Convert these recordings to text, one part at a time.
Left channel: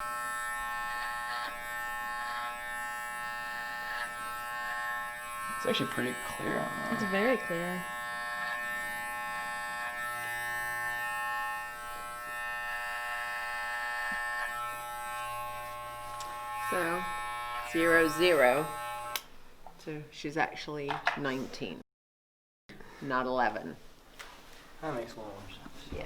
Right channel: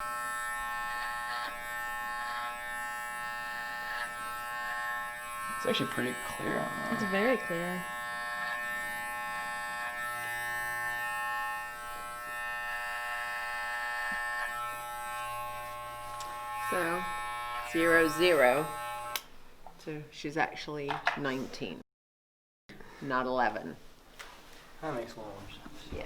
It's actually pretty clear on that. It's very clear. So, 0-0. So she's actually 19, not 11. That makes a little more sense. Yeah.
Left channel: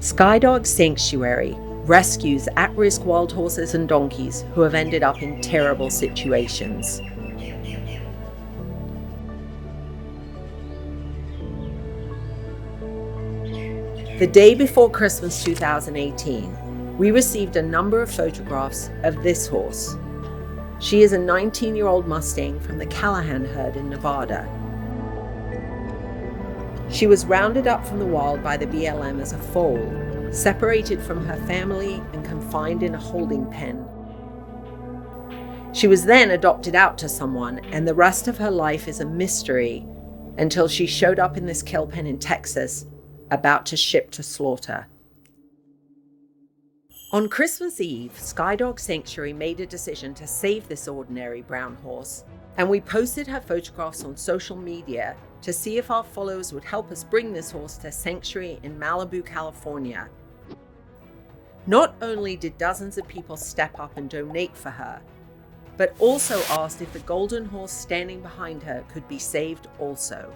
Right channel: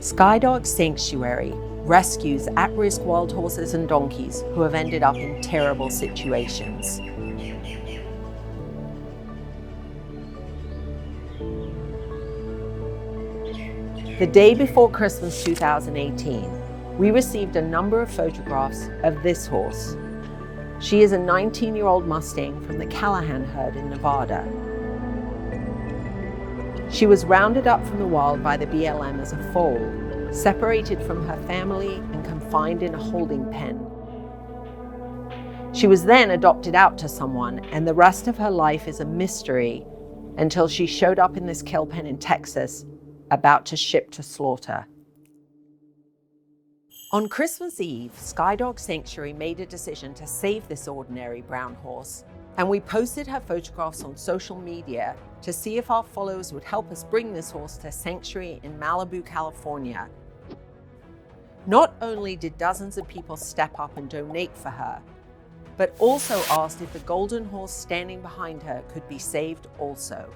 Skye Dog Sanctuary rescues at-risk wild horses and donkeys who have ended up in terrible situations. The day before Christmas 2018, we received a number of photographs of this horse. She is a 19-year-old Mustang from the Callahan herd in Nevada. She was rounded up from the wild by the BLM as a foal, separated from her family and confined in a holding pen. She was then adopted out to someone, and the rest of her life is a mystery until she showed up in this kill pen in Texas, about to ship to slaughter. On Christmas Eve, Skye Dog Sanctuary made a decision to save this ordinary brown horse, and we posted her photographs on social media to see if our followers would help us bring this horse to Sanctuary in Malibu, California. Not only did dozens of people step up and donate for her, but also asked if the golden horse standing behind her could be saved also.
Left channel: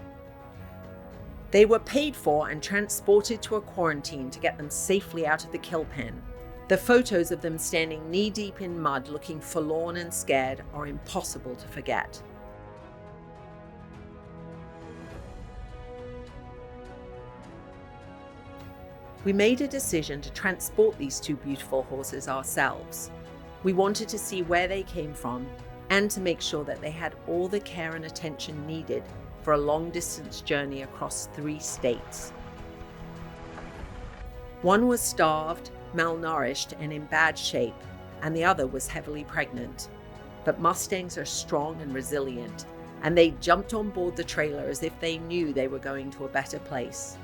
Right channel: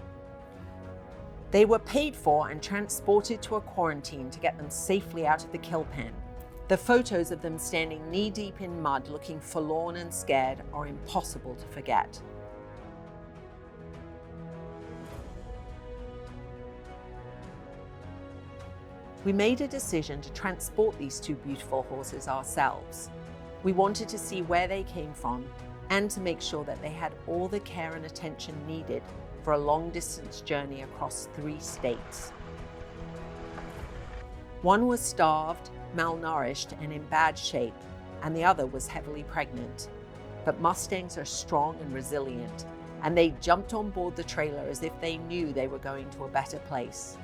They were paid for and transported to a quarantine to get them safely out of the kill pen. The photos of them standing knee-deep in mud looking forlorn and scared are impossible to forget. We made a decision to transport these two beautiful horses ourselves. We wanted to see where they came from and to make sure that they had all the care and attention needed for a long-distance journey across 3 states. One was starved, malnourished, and in bad shape, and the other was heavily pregnant. But Mustangs are strong and resilient, and they jumped on board the trailer as if they knew they were going to a better place.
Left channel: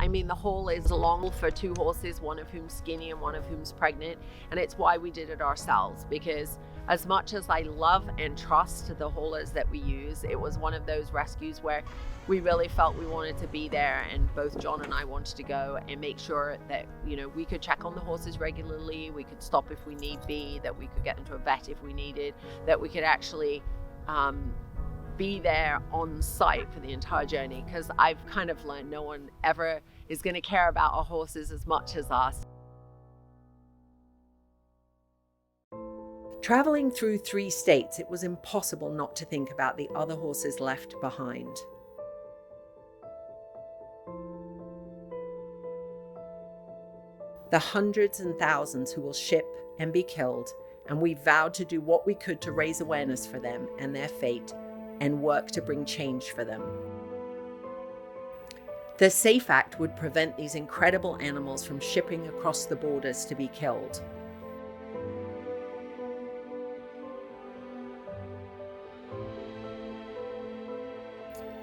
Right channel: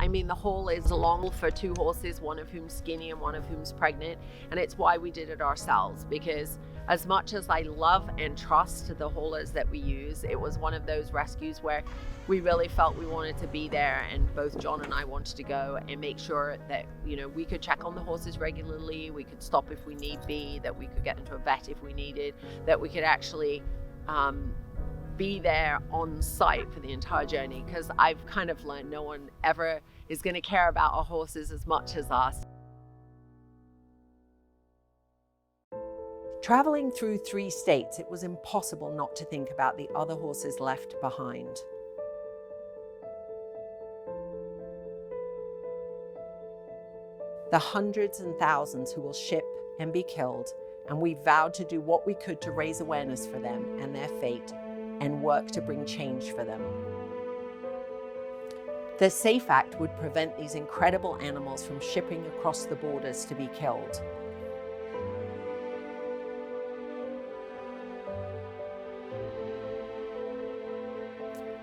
I mean, the haul is long for 2 horses, one of whom's skinny and one of whom's pregnant, and it's why we did it ourselves, because as much as I love and trust the haulers that we use, it was one of those rescues where we really felt we wanted to be there, and both John and I wanted to go and make sure that, we could check on the horses regularly, we could stop if we need be, that we could get into a vet if we needed, that we could actually be there on site for the entire journey, because I've kind of learned no one ever is going to care about our horses as much as us. Traveling through 3 states, it was impossible not to think about the other horses left behind. The hundreds and thousands who will ship and be killed, and we vowed to do what we could to raise awareness for them and their fate, and work to bring change for them. The SAFE Act would prevent these incredible animals from shipping across the borders to be killed.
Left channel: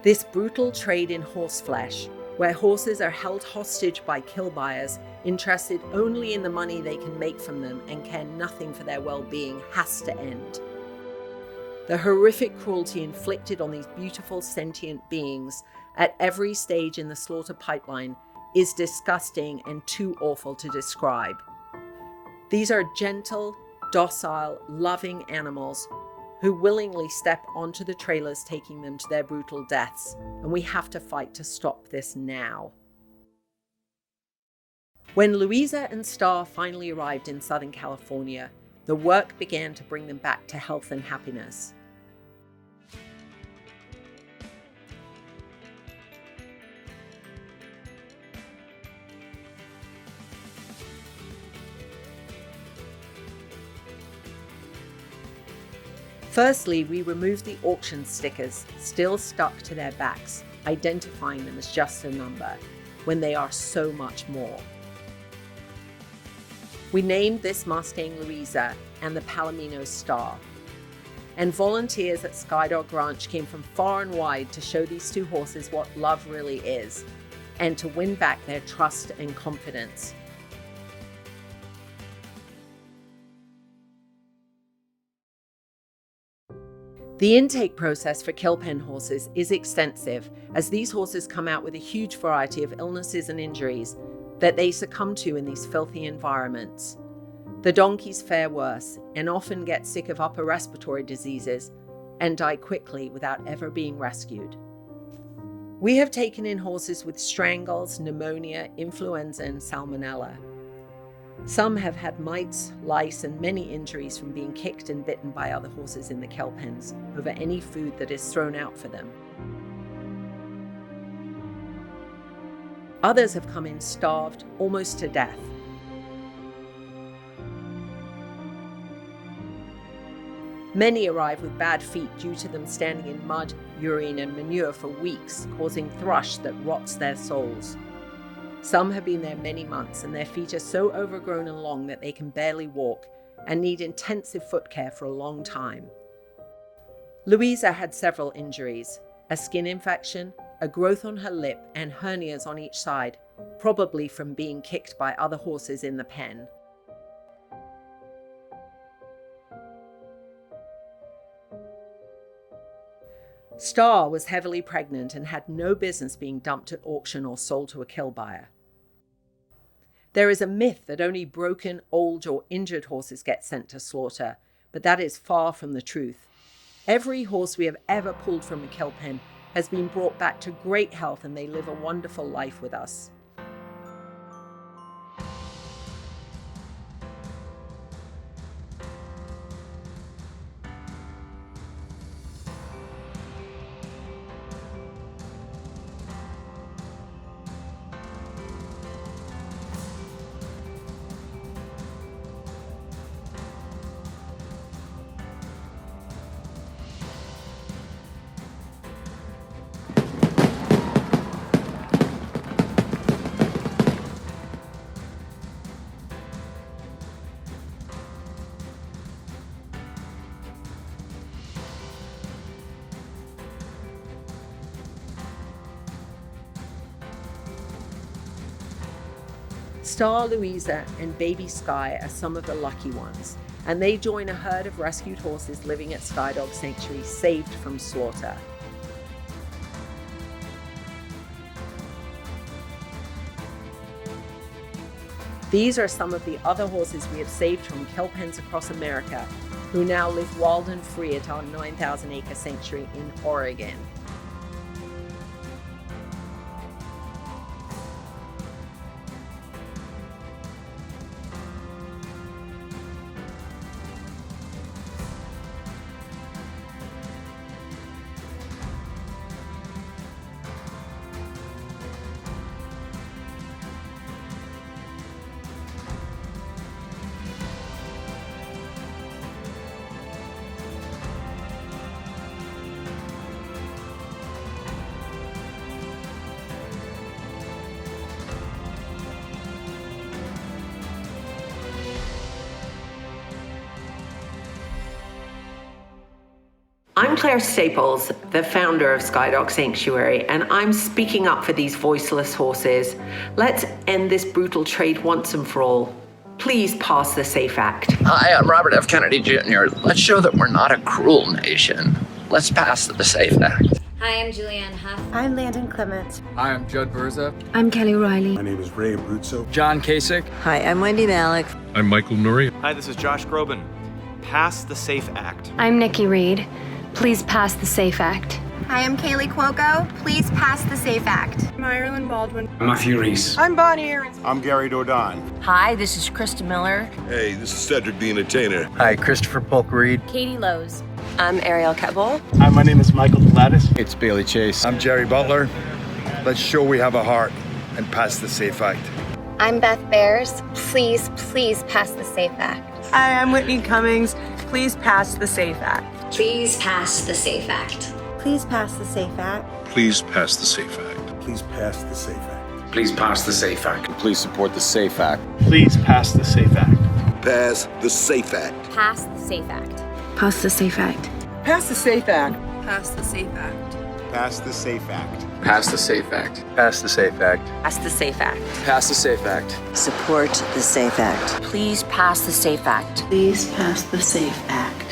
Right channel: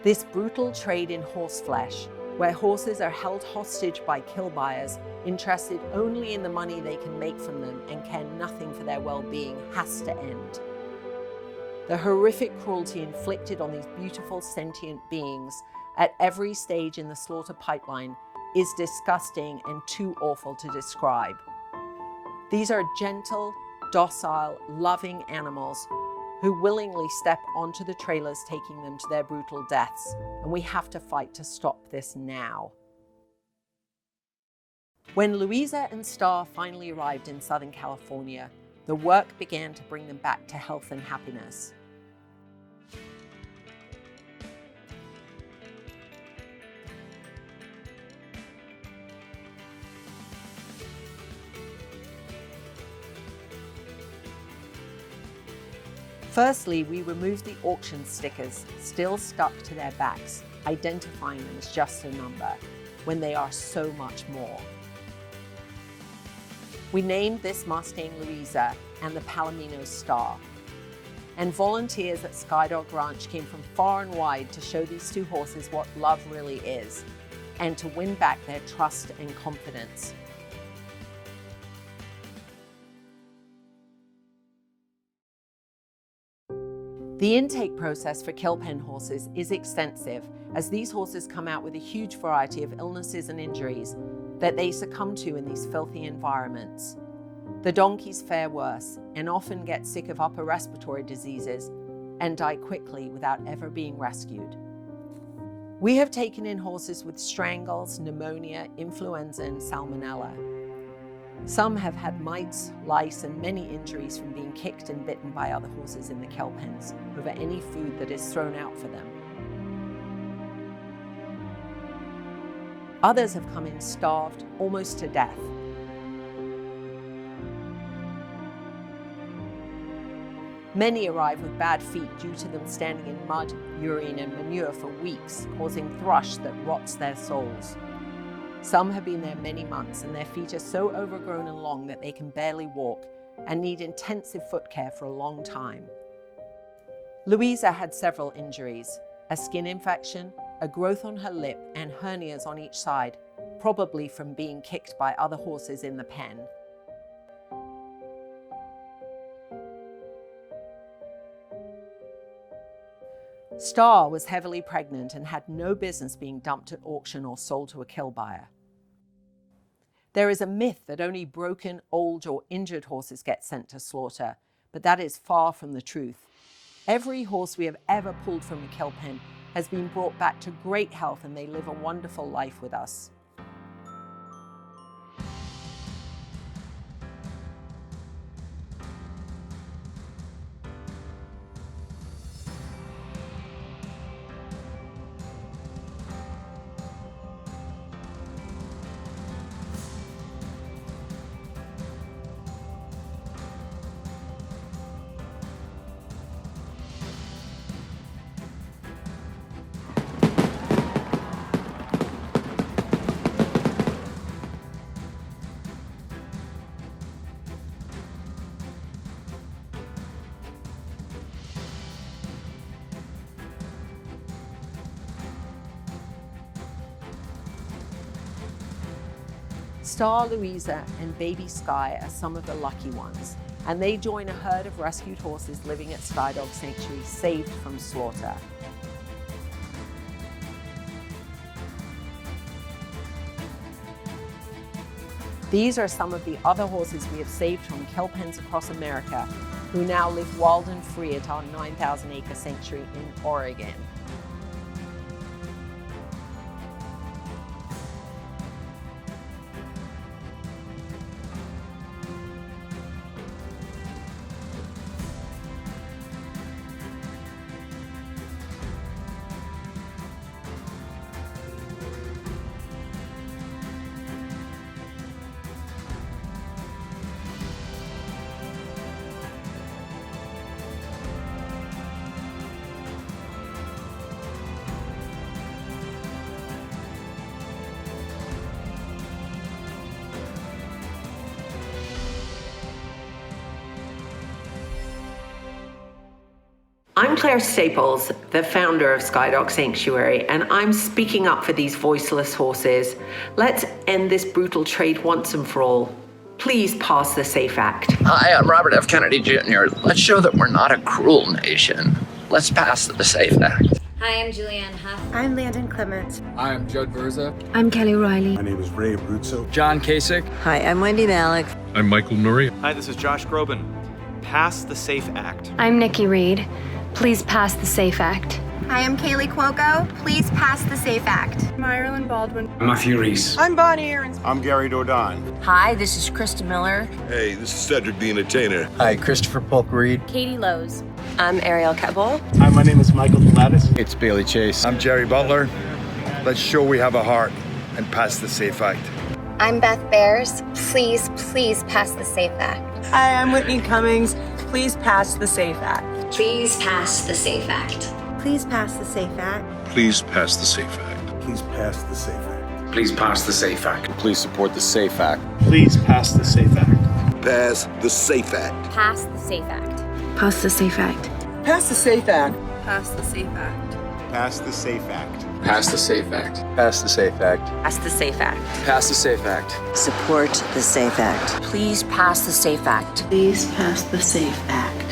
This brutal trade in horse flesh, where horses are held hostage by kill buyers interested only in the money they can make from them and care nothing for their well-being, has to end. The horrific cruelty inflicted on these beautiful sentient beings at every stage in the slaughter pipeline is disgusting and too awful to describe. These are gentle, docile, loving animals who willingly step onto the trailers taking them to their brutal deaths, and we have to fight to stop this now. When Louisa and Star finally arrived in Southern California, the work began to bring them back to health and happiness. Firstly, we removed the auction stickers still stuck to their backs, identifying them as just a number, when they are so much more. We named this Mustang Louisa and the Palomino Star. And volunteers at Skye Dog Ranch came from far and wide to show these two horses what love really is, and to win back their trust and confidence. The intake process for kill pen horses is extensive, as these horses come out with a huge variety of illnesses and injuries that they succumb to in these filthy environments. The donkeys fare worse and often get sick of upper respiratory diseases and die quickly without ever being rescued. We have taken in horses with strangles, pneumonia, influenza, and salmonella. Some have had mites, lice, and many injuries from being kicked and bitten by other horses in the kill pens over any food that is thrown out for them. Others have come in starved, almost to death. Many arrive with bad feet due to them standing in mud, urine, and manure for weeks, causing thrush that rots their soles. Some have been there many months, and their feet are so overgrown and long that they can barely walk and need intensive foot care for a long time. Louisa had several injuries: a skin infection, a growth on her lip, and hernias on each side, probably from being kicked by other horses in the pen. Star was heavily pregnant and had no business being dumped at auction or sold to a kill buyer. There is a myth that only broken, old, or injured horses get sent to slaughter, but that is far from the truth. Every horse we have ever pulled from a kill pen has been brought back to great health, and they live a wonderful life with us. Star, Louisa, and baby Skye are some of the lucky ones, and they join a herd of rescued horses living at Skye Dog Sanctuary, saved from slaughter. These are some of the other horses we have saved from kill pens across America, who now live wild and free at our 9,000-acre sanctuary in Oregon. I'm Claire Staples, the founder of Skye Dog Sanctuary, and I'm speaking up for these voiceless horses. Let's end this brutal trade once and for all. Please pass the SAFE Act. Hi, I'm Robert F. Kennedy Jr. Let's show that we're not a cruel nation. Let's pass the SAFE Act. Hi, I'm Julianne Huff. I'm Landon Clements. Hi, I'm Judd Verza. I'm Kelly Riley. My name is Ray Abruzzo. John Kasich. Hi, I'm Wendy Malik. I'm Michael Norrie. Hi, this is Josh Groban. pass the SAFE Act. I'm Nikki Reed. Please pass the SAFE Act. Hi, I'm Kaylee Cuoco. Please pass the SAFE Act. I'm Ireland Baldwin. I'm Matthew Reese. I'm Bonnie Aarons. I'm Gary Dodon. Hi, this is Krista Miller. Hey, this is Cedric the Entertainer. Hi, Christopher Polk Reed. Katie Lowe's. I'm Ariel Kettle. Hi, my name is Michael Gladys. It's Bailey Chase. I'm Jerry Butler. Let's show we have a heart and pass the SAFE Act. I'm Beth Bears. Please, please pass the SAFE Act. Hi, I'm Whitney Cummings. Please pass the SAFE Act. Please pass the SAFE Act. Please pass the SAFE Act. Please pass the SAFE Act. Please pass the SAFE Act. Please pass the SAFE Act. Please support the SAFE Act. Please pass the SAFE Act. Pass the SAFE Act. Pass the SAFE Act. Pass the SAFE Act. Pass the SAFE Act. Pass the SAFE Act. Pass the SAFE Act. Pass the SAFE Act. Pass the SAFE Act. Pass the SAFE Act. Pass the SAFE Act. Support the SAFE Act. Please pass the SAFE Act. Please pass the SAFE Act.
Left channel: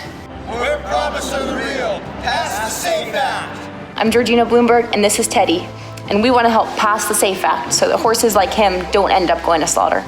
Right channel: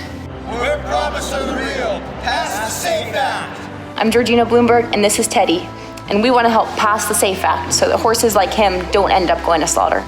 We're promise of the real. Pass the SAFE Act. I'm Georgina Bloomberg, and this is Teddy. And we want to help pass the SAFE Act so that horses like him don't end up going to slaughter.